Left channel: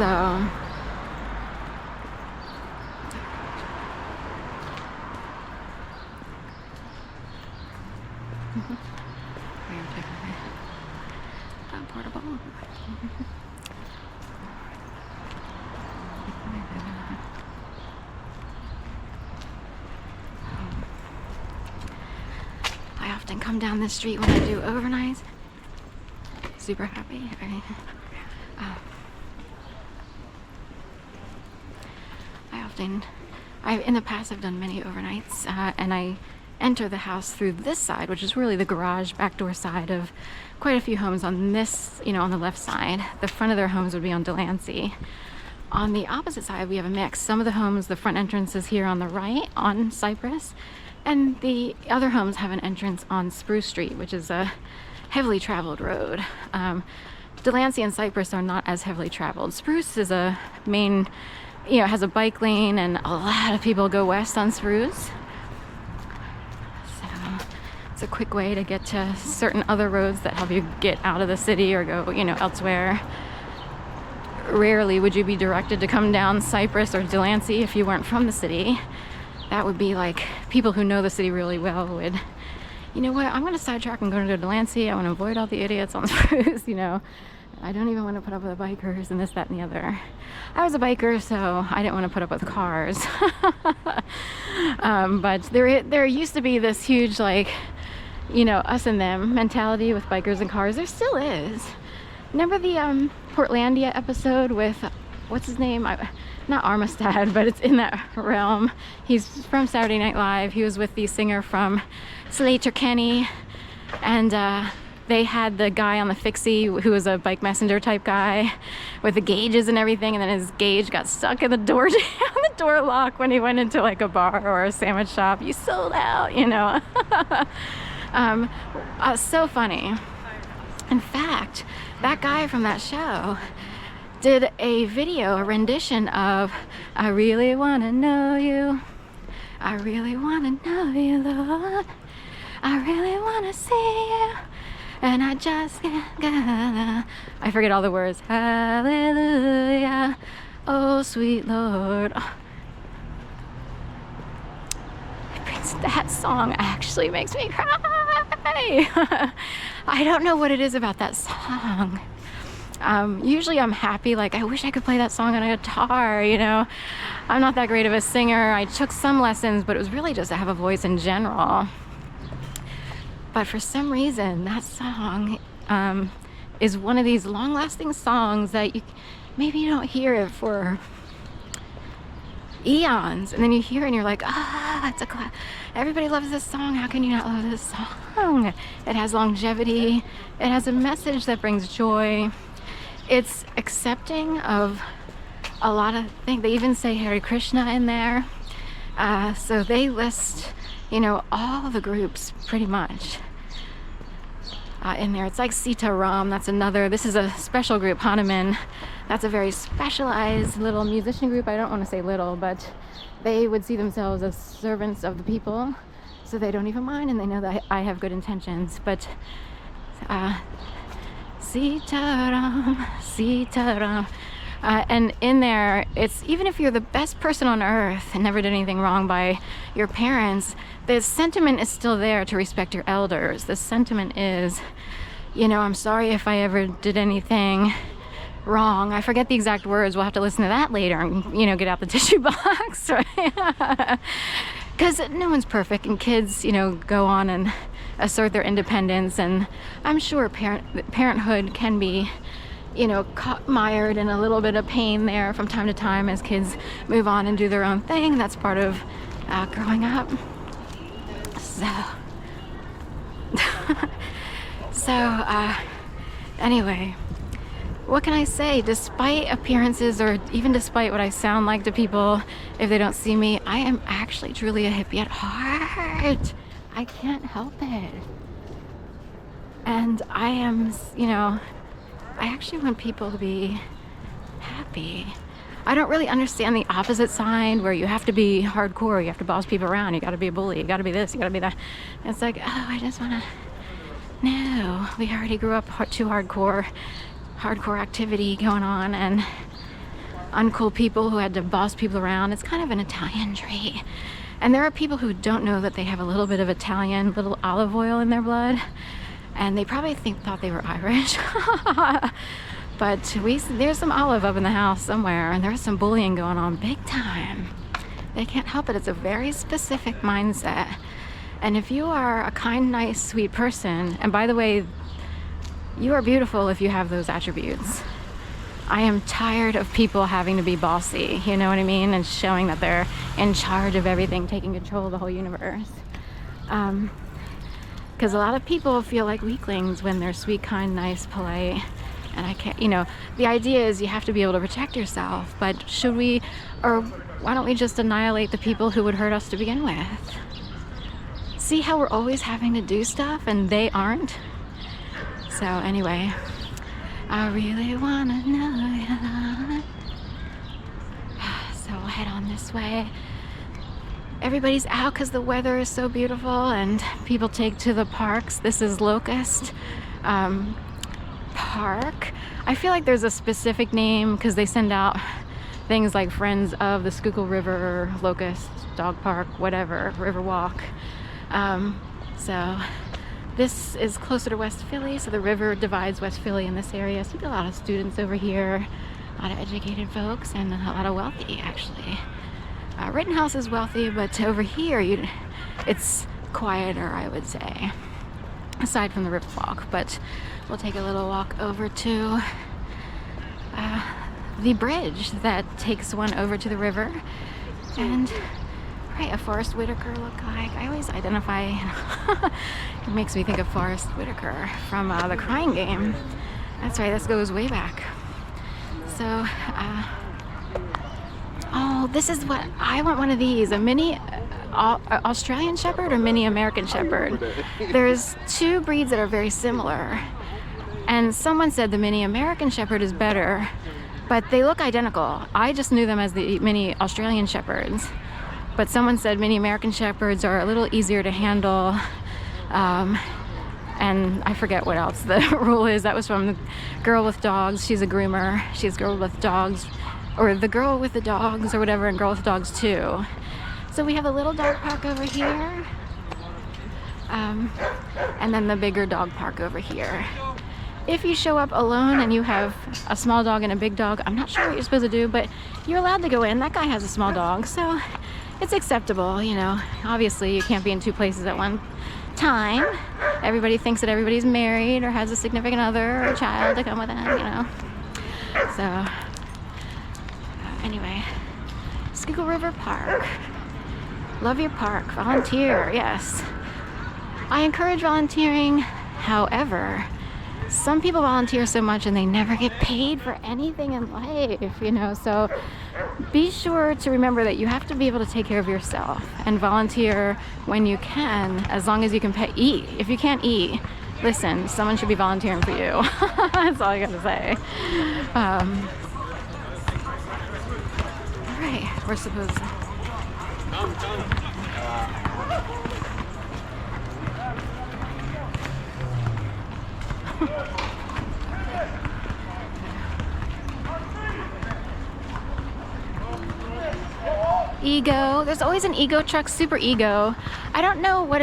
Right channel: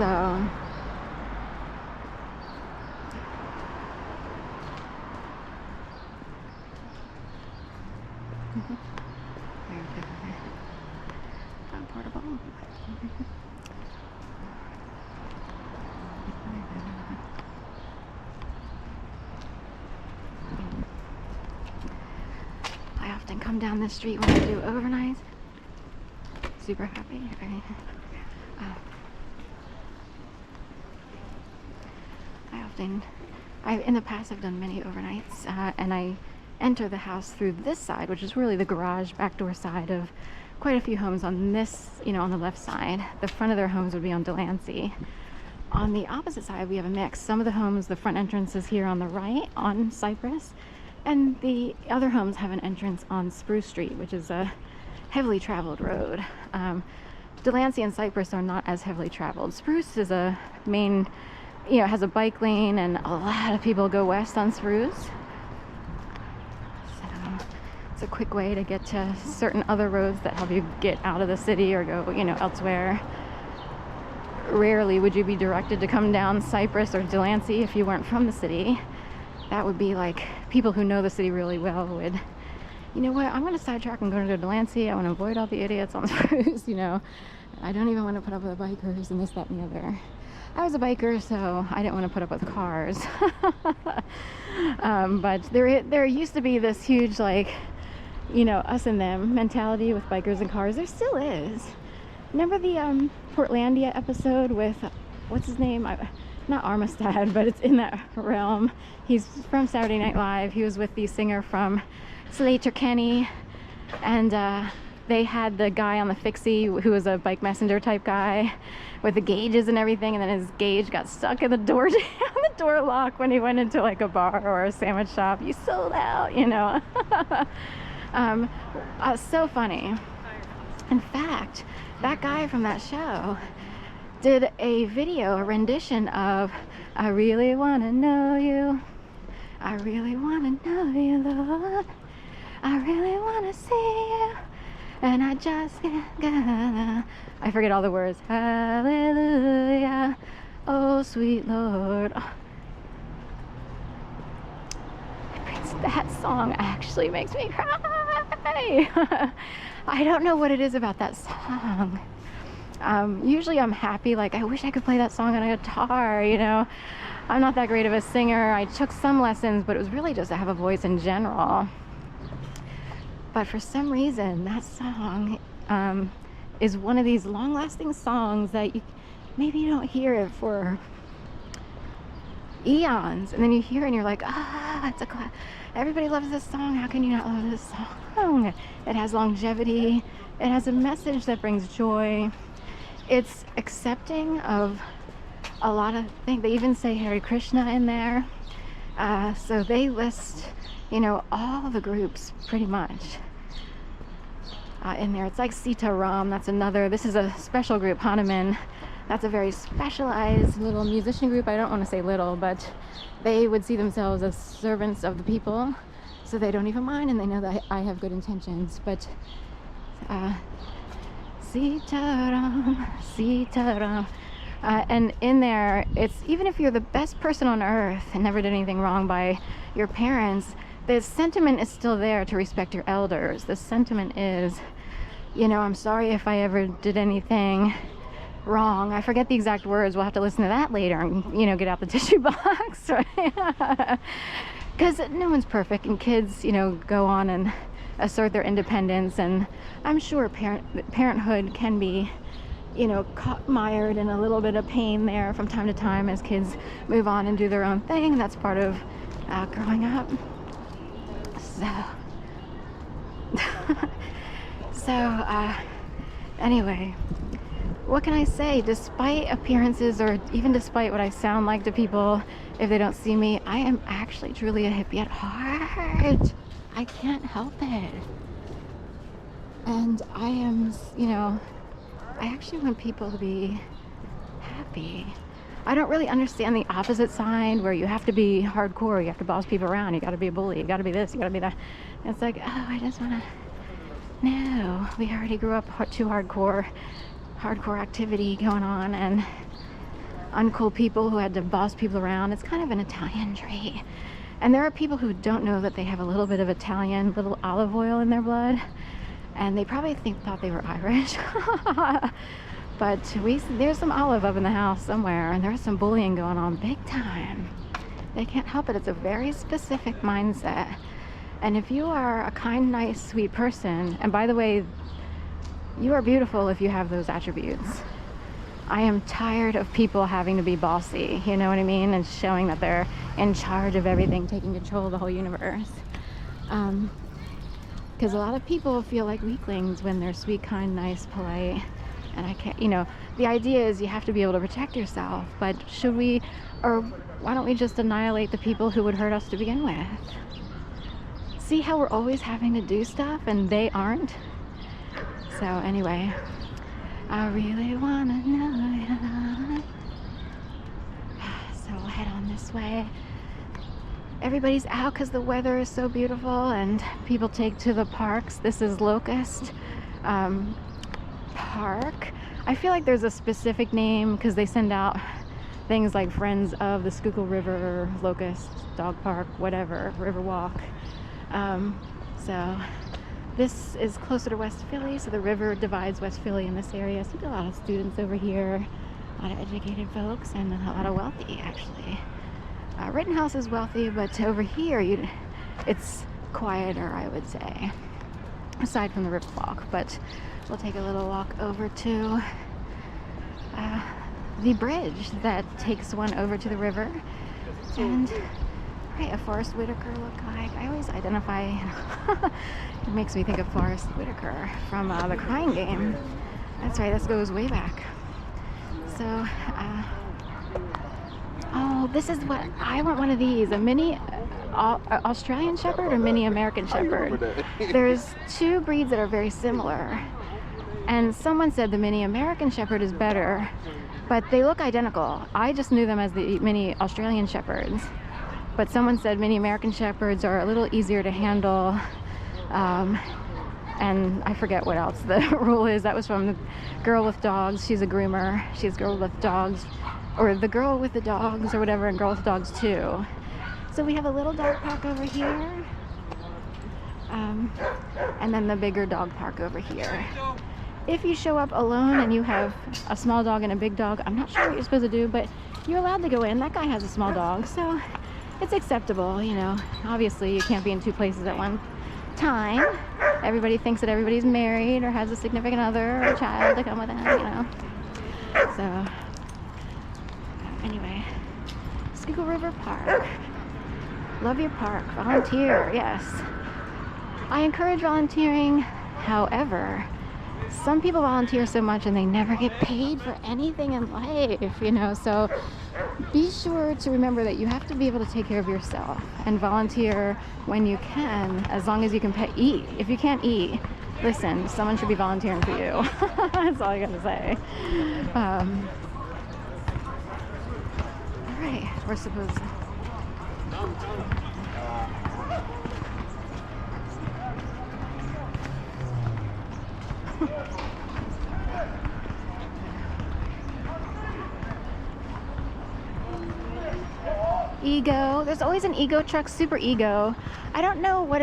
So portable. I often come down this street when I do overnights. Super happy. In the past I've done many overnights, and I enter the house through this side, which is really the garage back door side of quite a few homes on this, on the left side. The front of their homes would be on Delancey. On the opposite side, we have a mix. Some of the homes, the front entrance is here on the right on Cypress, and the other homes have an entrance on Spruce Street, which is a heavily traveled road. Delancey and Cypress are not as heavily traveled. Spruce is a main, it has a bike lane, and a lot of people go west on Spruce. So it's a quick way to get to certain other roads that help you get out of the city or go, elsewhere. Rarely would you be directed to come down Cypress or Delancey if you weren't from the city. That would be like people who know the city really well would, you know what, I'm going to sidetrack and go to Delancey. I want to avoid all the idiots on Spruce, I don't even want to put up with the bikers and this, that, and the other. I was a biker, so I didn't want to put up with cars. But there used to be this huge, us and them mentality with bikers and cars. There still is. Remember the Portlandia episode with, what's his name? Not Armistead, but it's in that realm. He's from Saturday Night Live. He was with the singer from Slater Kenny, and they had the guy on the fixie who was a bike messenger type guy with the gauges and everything, and then his gauge got stuck in the door on the door lock when he went into like a bar or a sandwich shop. You sold out, so funny. In fact, that guy from that show did a video, a rendition of I Really Wanna Know You, I Really Wanna Know You, Lord, I really wanna see you, and I just can't gonna, I forget all the words. Hallelujah, oh sweet Lord. That song actually makes me cry. I don't know what it is about that song. Usually I'm happy, I wish I could play that song on a guitar, I'm not that great of a singer. I took some lessons, but it was really just to have a voice in general. But for some reason, that song is one of these long-lasting songs that maybe you don't hear it for eons, and then you hear it and you're like, it's a class. Everybody loves this song. How can you not love this song? It has longevity. It has a message that brings joy. It's accepting of a lot of things. They even say Hare Krishna in there. So they list, all the groups pretty much in there. It's like Sita Ram. That's another. This is a special group, Hanuman. That's a very specialized little musician group. I don't want to say little, but they would see themselves as servants of the people, so they don't even mind, and they know that I have good intentions. But Sita Ram, Sita Ram. And in there, it's even if you're the best person on earth and never did anything wrong by your parents, the sentiment is still there to respect your elders. The sentiment is, I'm sorry if I ever did anything wrong. I forget the exact words. We'll have to listen to that later and, get out the tissue box, right? Because no one's perfect, and kids, go on and assert their independence. And I'm sure parenthood can be, mired in a little bit of pain there from time to time as kids move on and do their own thing. That's part of growing up. Anyway, what can I say? Despite appearances, or even despite what I sound like to people if they don't see me, I am actually truly a hippie at heart. I can't help it. And I am, I actually want people to be happy. I don't really understand the opposite side where you have to be hardcore, you have to boss people around, you gotta be a bully, you gotta be this, you gotta be that. It's like, I just wanna, no, we already grew up too hardcore activity going on, and uncool people who had to boss people around. It's kind of an Italian trait. And there are people who don't know that they have a little bit of Italian, little olive oil in their blood, and they probably thought they were Irish. But there's some olive up in the house somewhere, and there's some bullying going on big time. They can't help it. It's a very specific mindset. And if you are a kind, nice, sweet person, and by the way, you are beautiful if you have those attributes. I am tired of people having to be bossy, you know what I mean? And showing that they're in charge of everything, taking control of the whole universe. Because a lot of people feel like weaklings when they're sweet, kind, nice, polite. And I can't, you know, the idea is you have to be able to protect yourself. But should we, or why don't we just annihilate the people who would hurt us to begin with? See how we're always having to do stuff and they aren't? So anyway, I really wanna know ya. So we'll head on this way. Everybody's out because the weather is so beautiful and people take to the parks. This is Locust Park. I feel like there's a specific name because they send out things like Friends of the Schuylkill River, Locust, Dog Park, whatever, Riverwalk. So this is closer to West Philly, so the river divides West Philly in this area. So we get a lot of students over here, a lot of educated folks, and a lot of wealthy, actually. Rittenhouse is wealthy, but over here, it's quieter, I would say, aside from the Riverwalk. But we'll take a little walk over to the bridge that takes one over to the river. And right, a Forrest Whitaker lookalike. I always identify, it makes me think of Forrest Whitaker from The Crying Game. That's right, this goes way back. So, oh, this is what, I want one of these, a mini Australian Shepherd or mini American Shepherd. There's two breeds that are very similar. And someone said the mini American Shepherd is better, but they look identical. I just knew them as the mini Australian Shepherds. But someone said mini American Shepherds are a little easier to handle. And I forget what else the rule is. That was from the Girl with Dogs. She's a groomer. She's Girl with Dogs, or the Girl with the Dogs, or whatever, and Girl with Dogs too. So we have a little dog park over here. And then the bigger dog park over here. If you show up alone and you have a small dog and a big dog, I'm not sure what you're supposed to do, but you're allowed to go in. That guy has a small dog, so it's acceptable, you know. Obviously, you can't be in two places at one time. Everybody thinks that everybody's married or has a significant other or a child to come with them, you know. So, anyway, Schuylkill River Park. Love your park. Volunteer, yes. I encourage volunteering. However, some people volunteer so much and they never get paid for anything in life, you know. So be sure to remember that you have to be able to take care of yourself and volunteer when you can, as long as you can eat. If you can't eat, listen, someone should be volunteering for you. That's all I gotta say. All right, we're supposed to. Ego. There's always an Ego truck, super Ego. I don't know what